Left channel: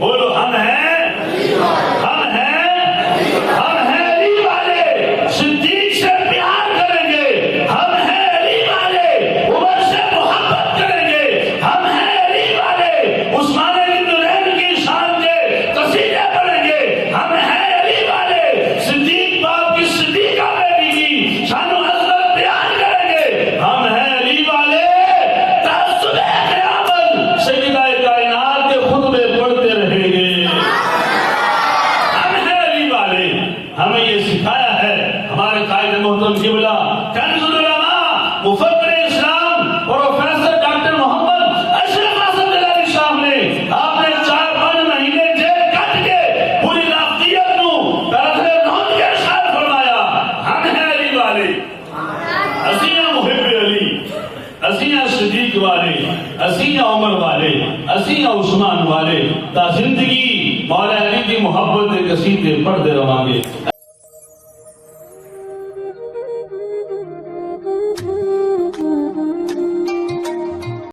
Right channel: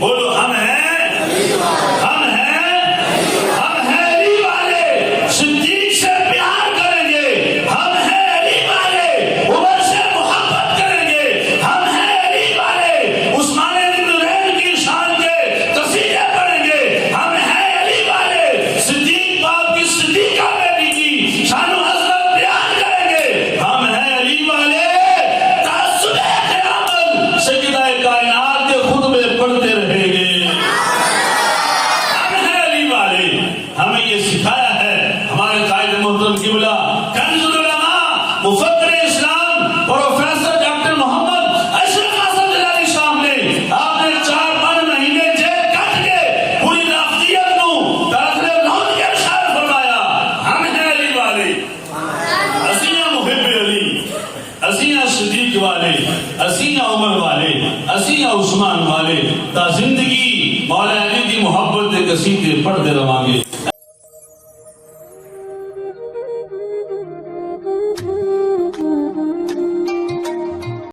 بولو ہم ہیں، ہم ہیں، ہم ہیں علی والے، صدیق سے پیار کریں گے، ہم ہیں علی والے، عمر سے محبت کریں گے، ہم ہیں علی والے، عثمان بن نورین کی شان کے قصیدے پڑھیں گے، ہم ہیں علی والے، صدیق باپ کی صدیقہ بیٹی کی شان و عظمت بیان کریں گے، ہم ہیں علی والے، تعصب قیامت سیدہ کائنات کے خطبے پڑھتے رہیں گے، ہم ہیں علی والے۔ ہمیں یہ سکھایا ہے ہمارے قائد محترم قبلہ کنز العلماء مفکر اسلام پروفیسر ڈاکٹر محمد اشرف حسن جلالی صاحب نے، آپ نے 4 مہینے جیل کٹ کے پوری رافضیت کو درخت موت کے ارشاد فرمایا، ہم ہیں علی والے، اسیاں محب علی، اسیاں صدیق والے، اسیاں عمر والے، اسیاں عثمان والے، تا زندگی مولا علی کی محبت کے قصیدے پڑھتے رہاں گے۔